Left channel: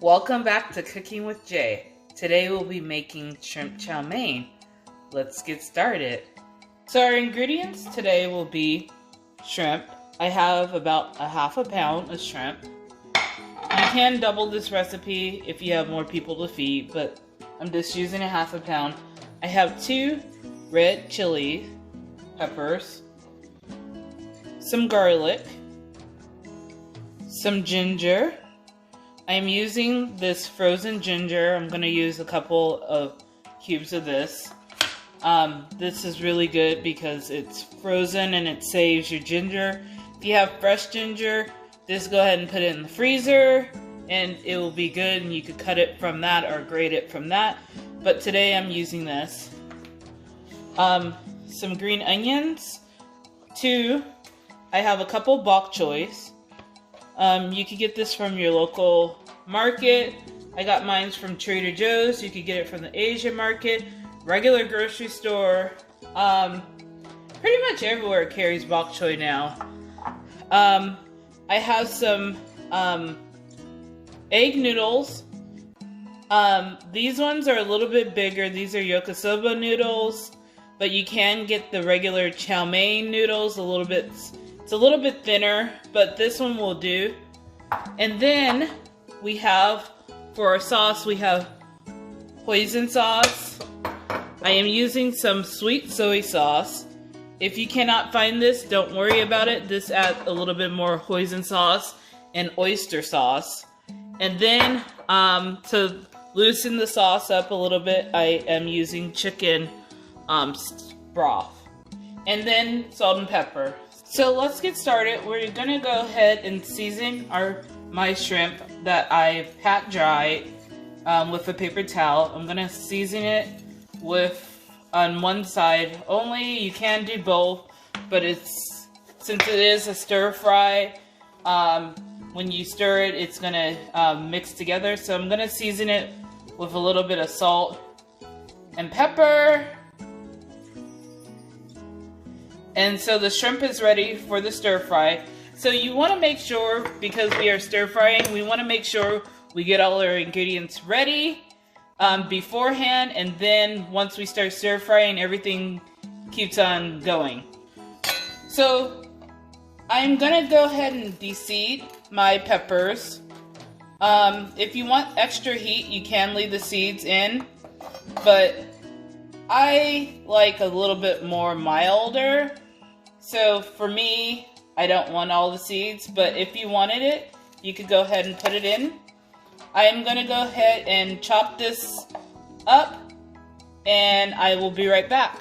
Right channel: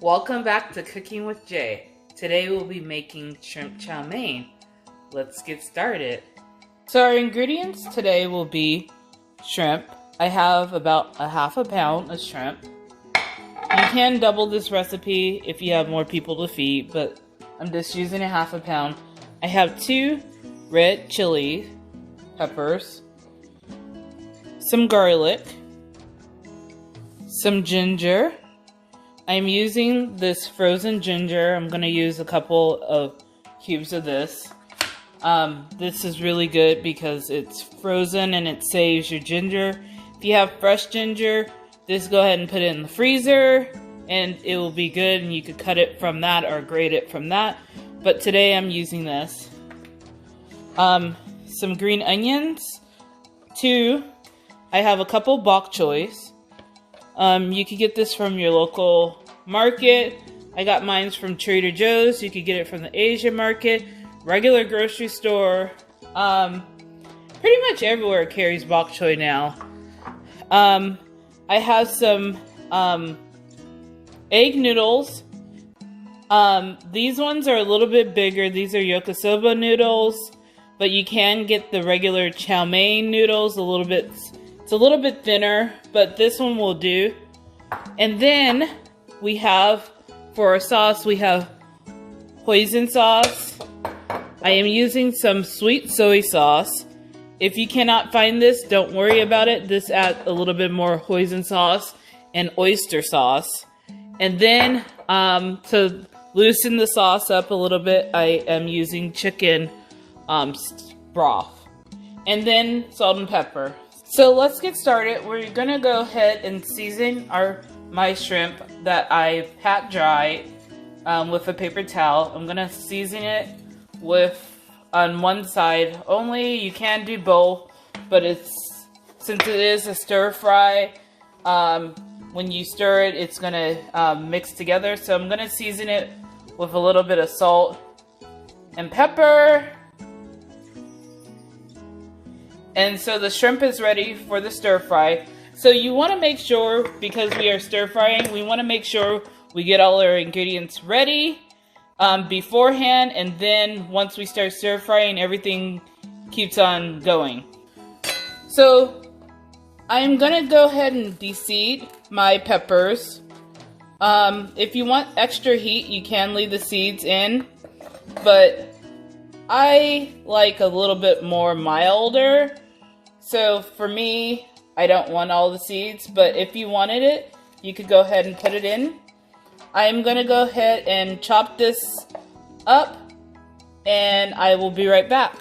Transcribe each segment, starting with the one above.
Welcome back to Cooking with Jay. Today we'll be making shrimp chow mein. Let's get started. So our ingredients today will be shrimp. I have about a half a pound of shrimp. You can double this recipe if you have more people to feed, but I'm just using a half a pound. I have 2 red chili peppers, some garlic, some ginger. I'm using this frozen ginger. I'm going to use a couple of cubes of this. This is really good because it's frozen and it saves your ginger. If you have fresh ginger, just go ahead and put it in the freezer and it will be good, and you could cut it from that or grate it from that. But today I'm using this. Some green onions. 2. I have a couple bok choys. You could get this from your local market. I got mine from Trader Joe's. You could get it from the Asian market, regular grocery store. Pretty much everywhere carries bok choy now. I have some egg noodles. These ones are a little bit bigger. These are yakisoba noodles, but you can get the regular chow mein noodles it's a little bit thinner, but this one will do. And then we have, for our sauce, we have hoisin sauce. I am using some sweet soy sauce. If you cannot find this, don't worry about it. Just add a little bit more hoisin sauce and oyster sauce. And then to loosen the sauce up a little bit, I am using chicken broth. And then salt and pepper. So let's get started. We're gonna go ahead and season my shrimp that I pat dried with a paper towel. I'm gonna season it on one side only. You can do both, but since it is a stir fry, when you stir it, it's gonna mix together. So I'm gonna season it with a little bit of salt and pepper. And so the shrimp is ready for the stir fry. So you want to make sure, because we are stir frying, we want to make sure we get all our ingredients ready beforehand, and then once we start stir frying, everything keeps on going. So I'm gonna go ahead and de-seed my peppers. If you want extra heat, you can leave the seeds in, but I like a little bit more milder. So for me, I don't want all the seeds, but if you wanted it, you could go ahead and put it in. I'm gonna go ahead and chop this up, and I will be right back.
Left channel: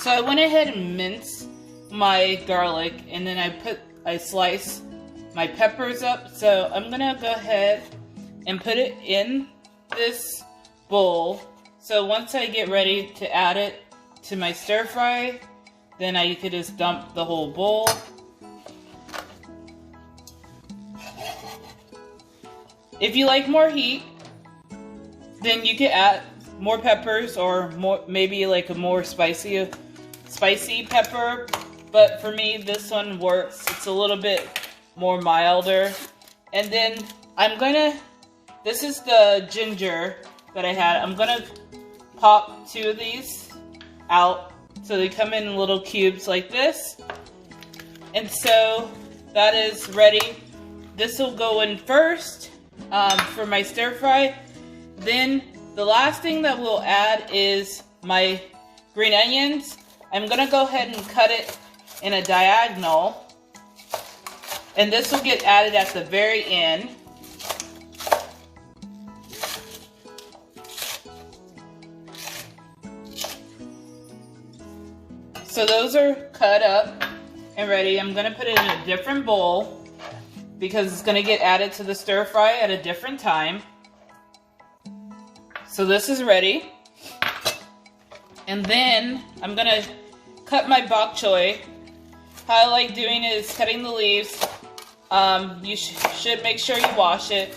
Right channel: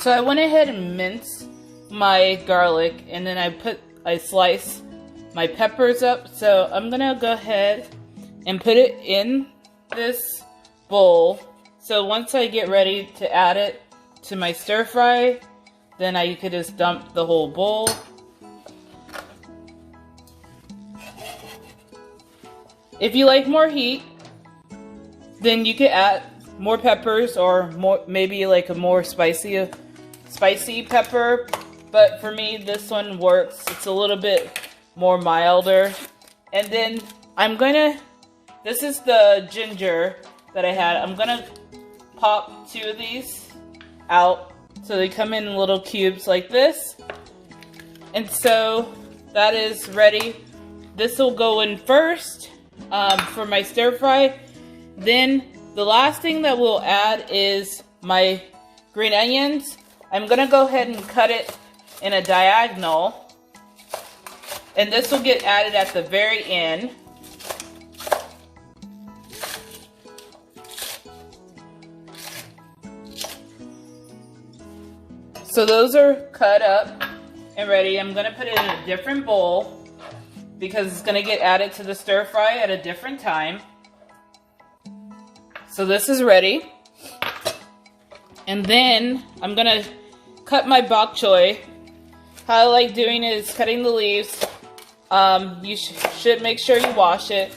So I went ahead and minced my garlic, and then I sliced my peppers up. So I'm gonna go ahead and put it in this bowl. So once I get ready to add it to my stir fry, then you could just dump the whole bowl. If you like more heat, then you could add more peppers or maybe like a more spicy pepper. But for me, this one works. It's a little bit more milder. And then this is the ginger that I had. I'm gonna pop 2 of these out. So they come in little cubes like this. And so that is ready. This will go in first for my stir fry. Then the last thing that we'll add is my green onions. I'm gonna go ahead and cut it in a diagonal. And this will get added at the very end. So those are cut up and ready. I'm gonna put it in a different bowl because it's gonna get added to the stir fry at a different time. So this is ready. And then I'm gonna cut my bok choy. How I like doing it is cutting the leaves. You should make sure you wash it.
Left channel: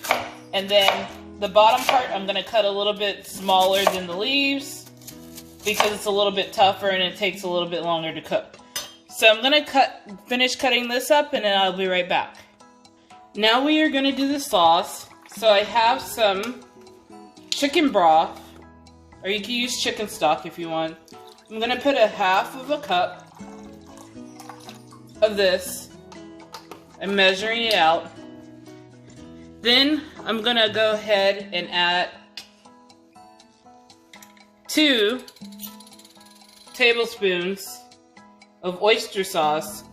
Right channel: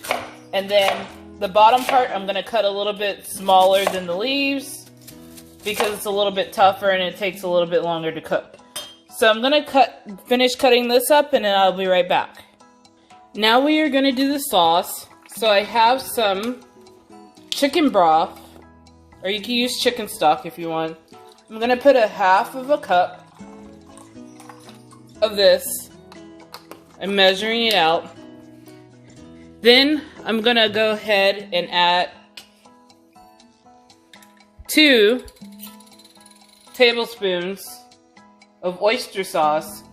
And then the bottom part, I'm gonna cut a little bit smaller than the leaves, because it's a little bit tougher and it takes a little bit longer to cook. So I'm gonna finish cutting this up, and then I'll be right back. Now we are going to do the sauce. So I have some chicken broth, or you can use chicken stock if you want. I'm going to put a half of a cup of this. I'm measuring it out. Then I'm going to go ahead and add 2 tablespoons of oyster sauce.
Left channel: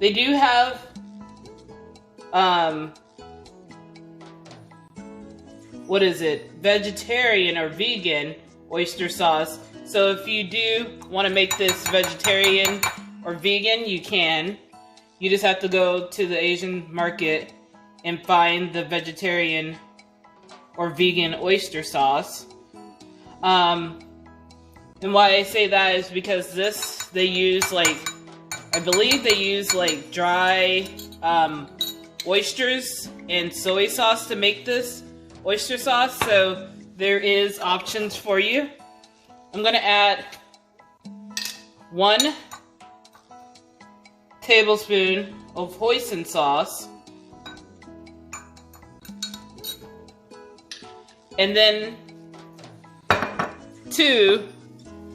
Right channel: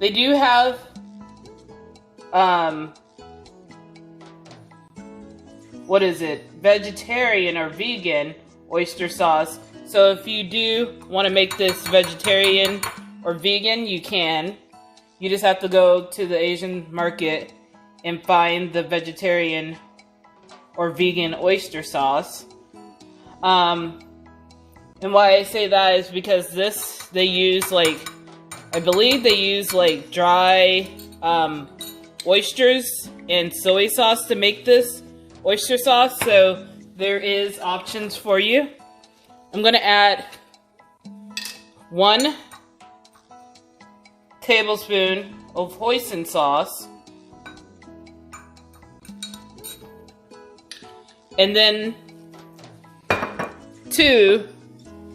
They do have what is it? Vegetarian or vegan oyster sauce. So if you do want to make this vegetarian or vegan, you can. You just have to go to the Asian market and find the vegetarian or vegan oyster sauce. And why I say that is because this, they use like, I believe they use like dry oysters and soy sauce to make this oyster sauce, so there is options for you. I'm gonna add 1 tablespoon of hoisin sauce, and then 2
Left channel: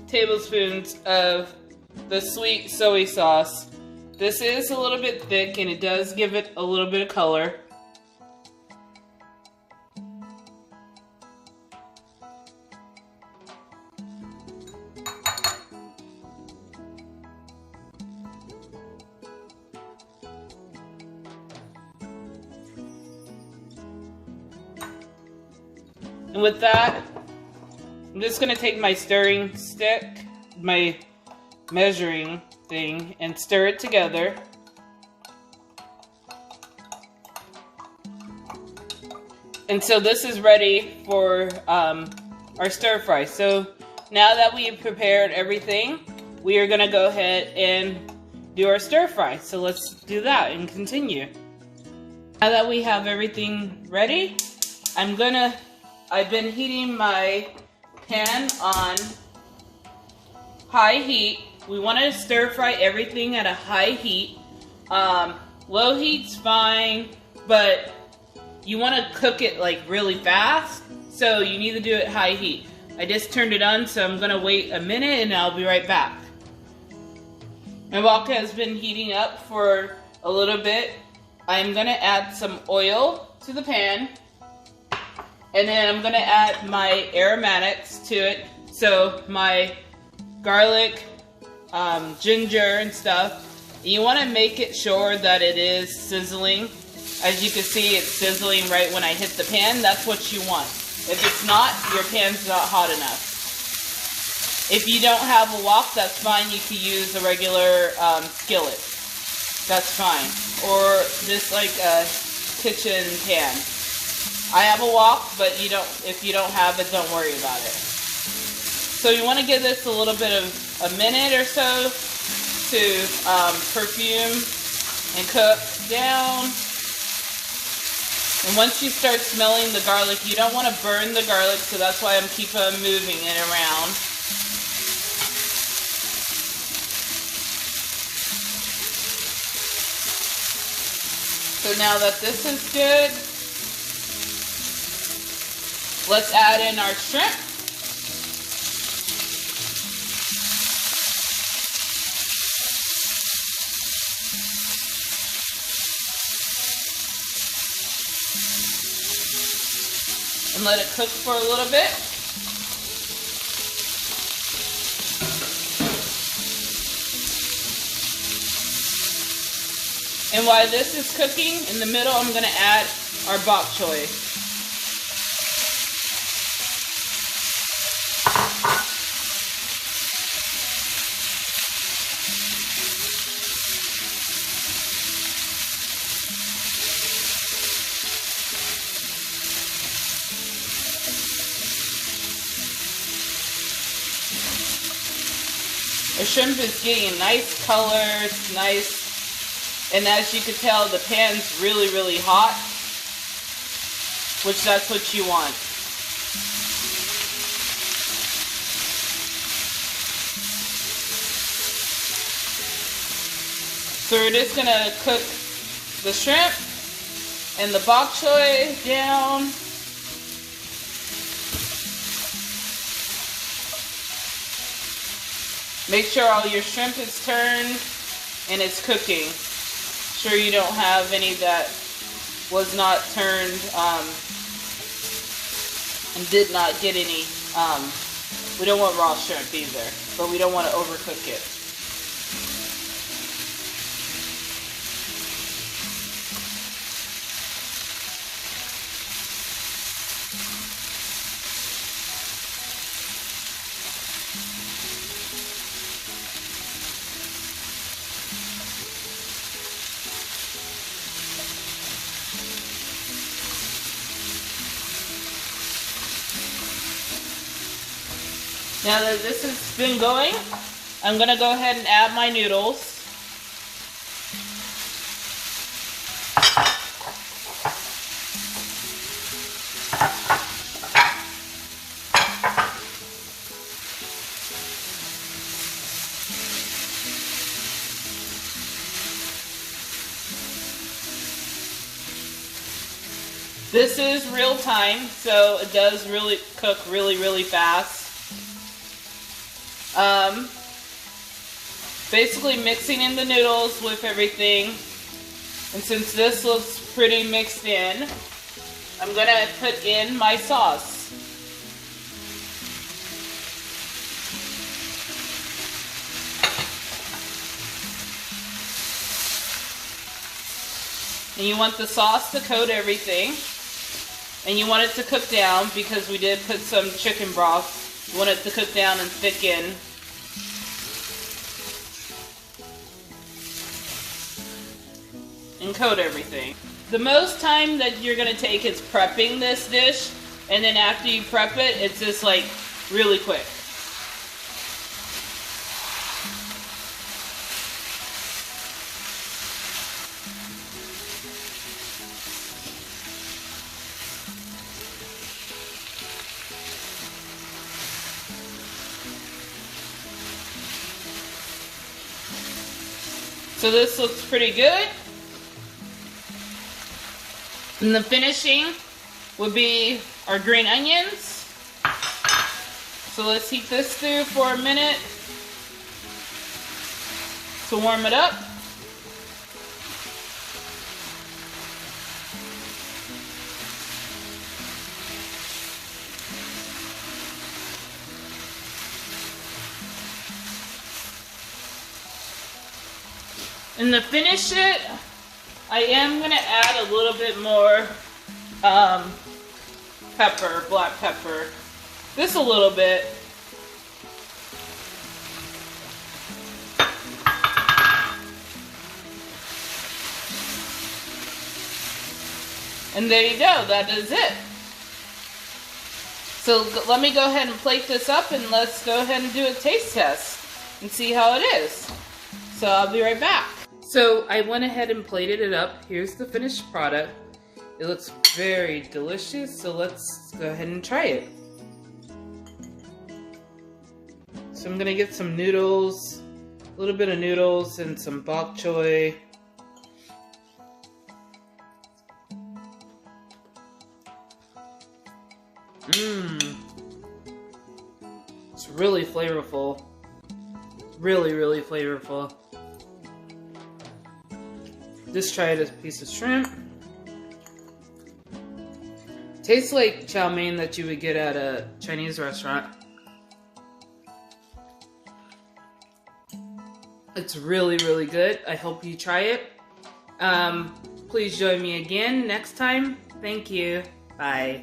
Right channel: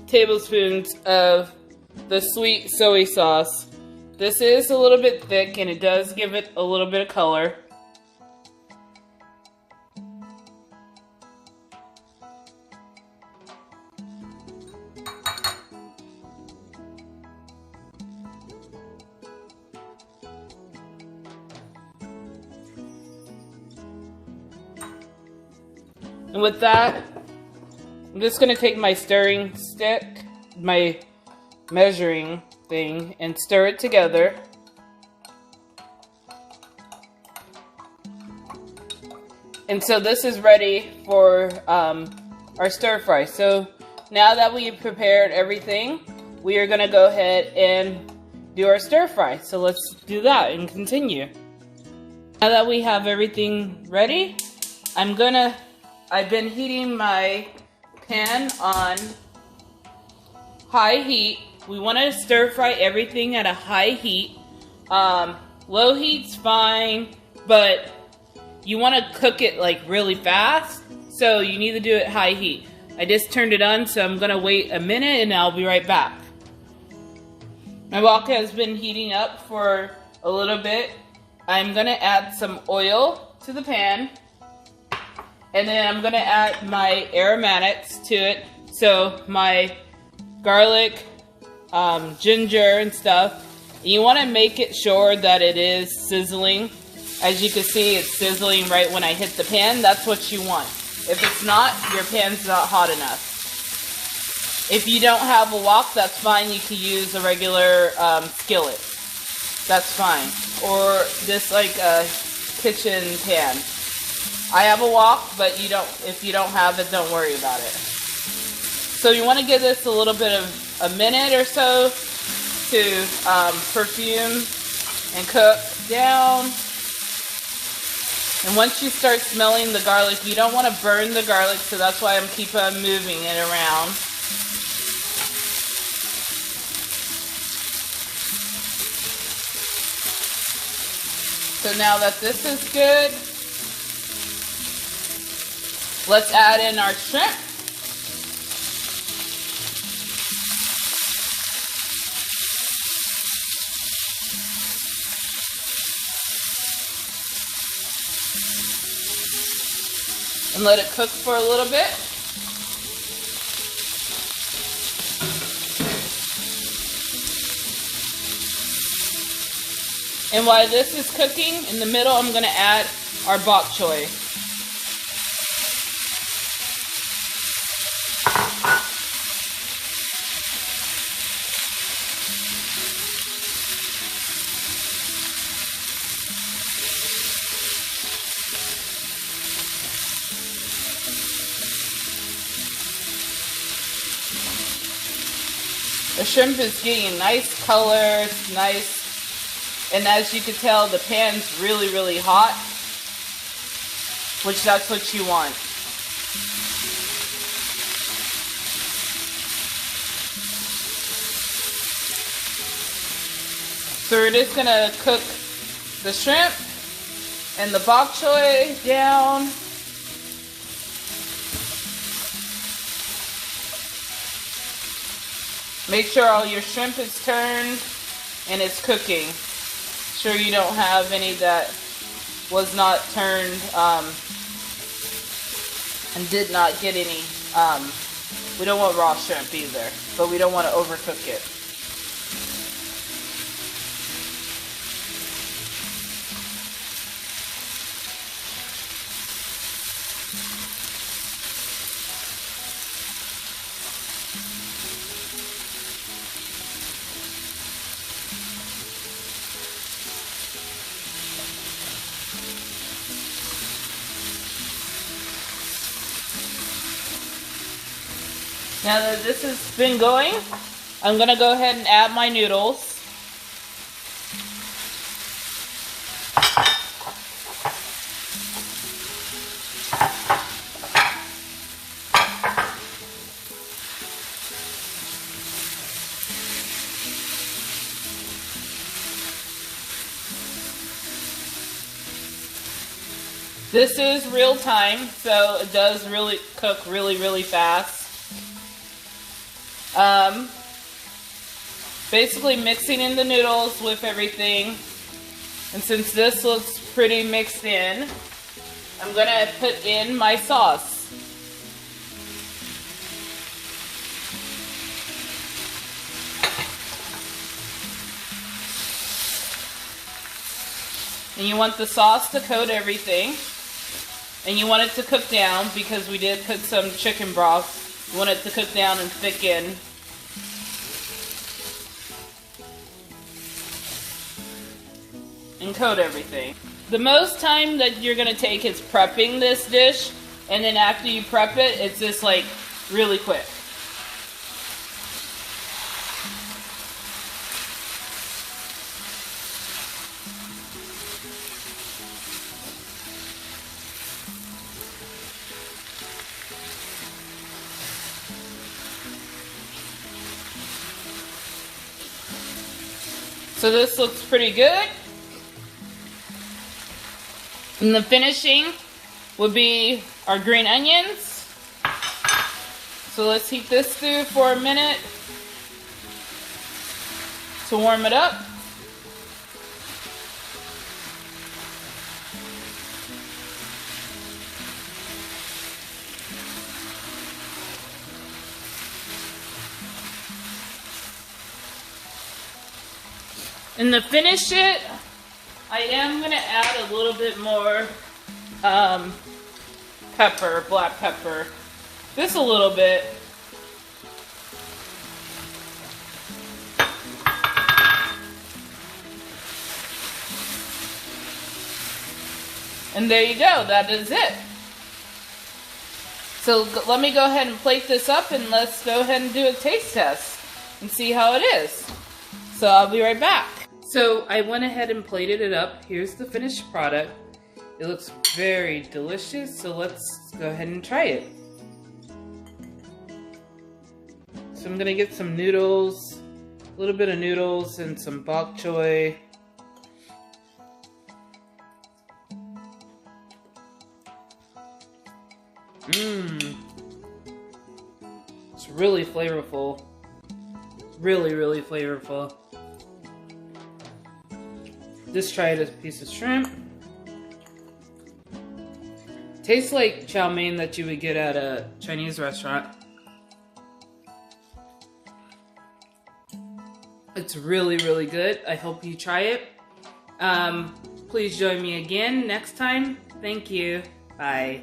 tablespoons of the sweet soy sauce. This is a little bit thick and it does give it a little bit of color. And with that, I'm just going to take my stirring stick, my measuring thing, and stir it together. And so this is ready for our stir fry. So now that we've prepared everything, we are going to go ahead and do our stir fry. So let's do that and continue. Now that we have everything ready, I've been heating my pan on high heat. We want to stir fry everything at a high heat. Low heat's fine, but you want to cook it like really fast, so you need to do it high heat. I just turned it on, so I'm going to wait a minute and I'll be right back. My wok has been heating up for a little bit. I'm going to add some oil to the pan, and then I'm going to add my aromatics to it. So my garlic, ginger and stuff. You want to make it sure that it is sizzling. As you can see, it's sizzling right when I hit the pan. That's what you want. If it's not, your pan's not hot enough. If you don't have a wok, that's fine. You can use a regular skillet. That's fine. Or this like a kitchen pan. I have a wok, but if you don't have it, don't worry about it. So you want to give this a little bit of a minute or so to perfume and cook down. And once you start smelling the garlic, you don't want to burn the garlic, so that's why I'm keep on moving it around. So now that this is good, let's add in our shrimp. And let it cook for a little bit. And while this is cooking, in the middle I'm going to add our bok choy. The shrimp is getting nice color, it's nice, and as you can tell, the pan's really, really hot, which that's what you want. So we're just gonna cook the shrimp and the bok choy down. Make sure all your shrimp is turned and it's cooking. Sure you don't have any that was not turned and did not get any. We don't want raw shrimp either, but we don't want to overcook it. Now that this has been going, I'm going to go ahead and add my noodles. This is real time, so it does really cook really fast. Basically mixing in the noodles with everything, and since this looks pretty mixed in, I'm gonna put in my sauce. And you want the sauce to coat everything, and you want it to cook down because we did put some chicken broth. You want it to cook down and thicken. And coat everything. The most time that you're gonna take is prepping this dish, and then after you prep it, it's just like really quick. So this looks pretty good. And the finishing would be our green onions. So let's heat this through for a minute to warm it up. And to finish it, I am going to add a little bit more pepper, black pepper. Just a little bit. And there you go, that is it. So let me go ahead and plate this up and let's go ahead and do a taste test and see how it is. So I'll be right back. So I went ahead and plated it up. Here's the finished product. It looks very delicious, so let's go ahead and try it. So I'm gonna get some noodles, a little bit of noodles and some bok choy. It's really flavorful. Really flavorful. Just try it as a piece of shrimp. Tastes like chow mein that you would get at a Chinese restaurant. It's really good. I hope you try it. Please join me again next time. Thank you. Bye.